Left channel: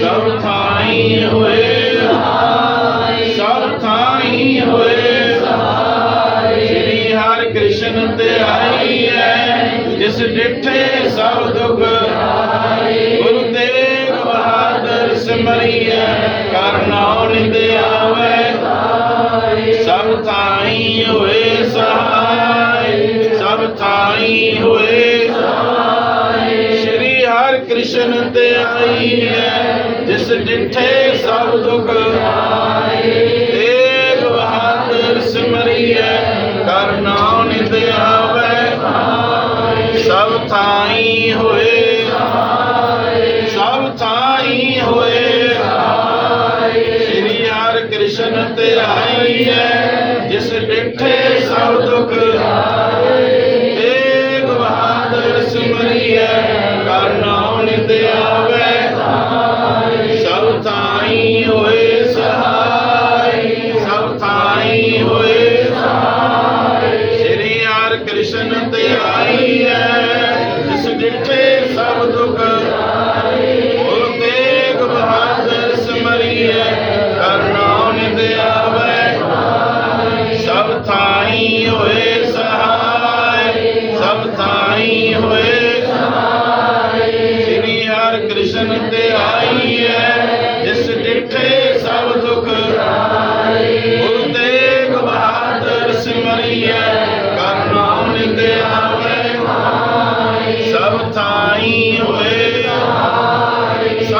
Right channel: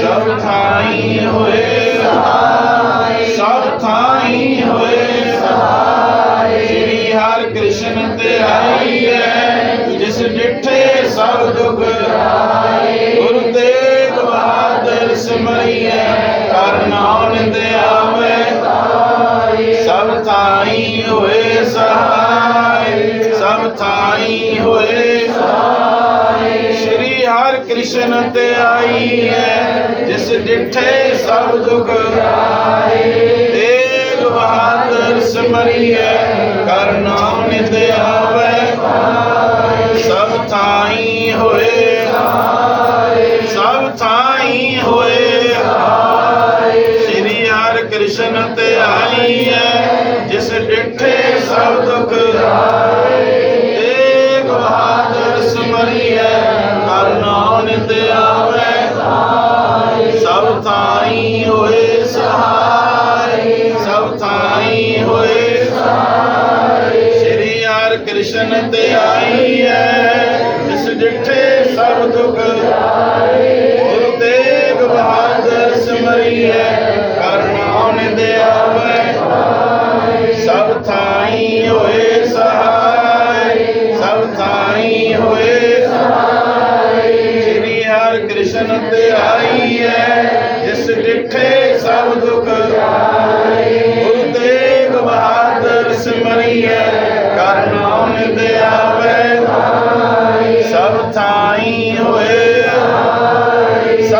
ਸਭ ਥਾਈ ਹੋਏ ਸਹਾਈ ਕ੍ਰਿਸ਼ਨ ਤੇ ਆਈ ਹੈ, ਜਿਸ ਡਿਠੇ ਸਭ ਦੁਖ ਤੇਗ ਬਹਾਦਰ ਸਿਮਰਿਐ ਕਰਨੋ ਨਿੰਦ ਆਵੇ। ਸਭ ਥਾਈ ਹੋਏ, ਸਭ ਥਾਈ ਹੋਏ। ਸ੍ਰੀ ਹਰਿ ਕ੍ਰਿਸ਼ਨ ਤੇ ਆਈ ਹੈ, ਜਿਸ ਡਿਠੇ ਸਭ ਦੁੱਖ ਤੇਗ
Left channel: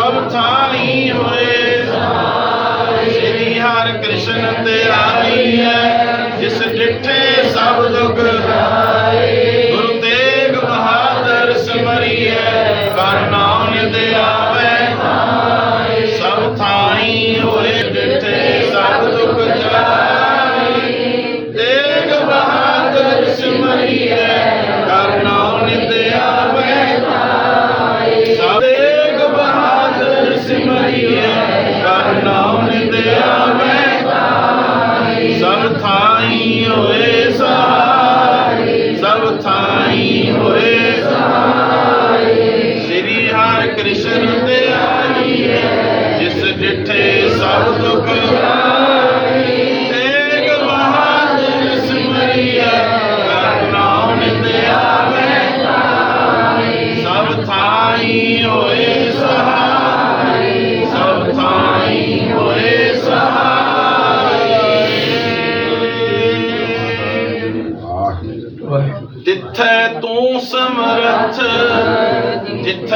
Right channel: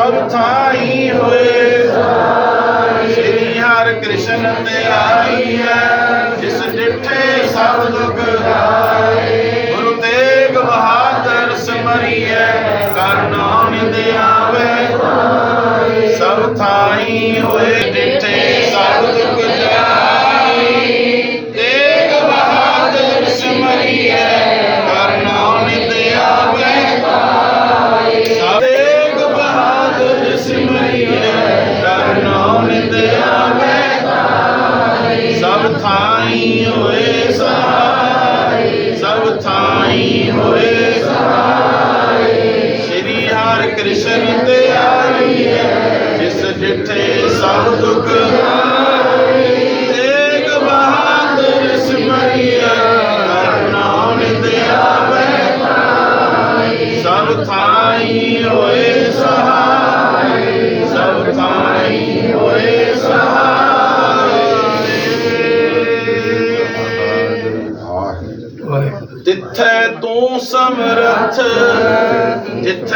ਸਭ ਥਾਈ ਹੋਏ। ਸ੍ਰੀ ਹਰਿ ਕ੍ਰਿਸ਼ਨ ਤੇ ਆਈ ਹੈ ਜਿਸ ਡਿਠੇ ਸਭ ਦੁਖ ਗੁਰੂ ਤੇਗ ਬਹਾਦਰ ਸਿਮਰਿਐ ਕਰਨੋ ਦੇ ਆਵੇ। ਸਭ ਥਾਈ ਹੋਏ ਥਾਈ ਹੋਏ ਸਹਾਈ ਸਭ ਥਾਈ ਹੋਏ ਸਹਾਈ ਸ੍ਰੀ ਹਰਿ ਕ੍ਰਿਸ਼ਨ ਤੇ ਆਈ ਹੈ ਜਿਸ ਡਿਠੇ ਸਭ ਦੁਖ ਤੇਗ ਬਹਾਦਰ ਸਿਮਰਿਐ ਕਰਨੋ ਨਿੰਦ ਸਭ ਥਾਈ ਹੋਏ ਸਹਾਈ ਜਿੱਥੇ ਤੂੰ ਸਮਰਥ ਜਿੱਥੇ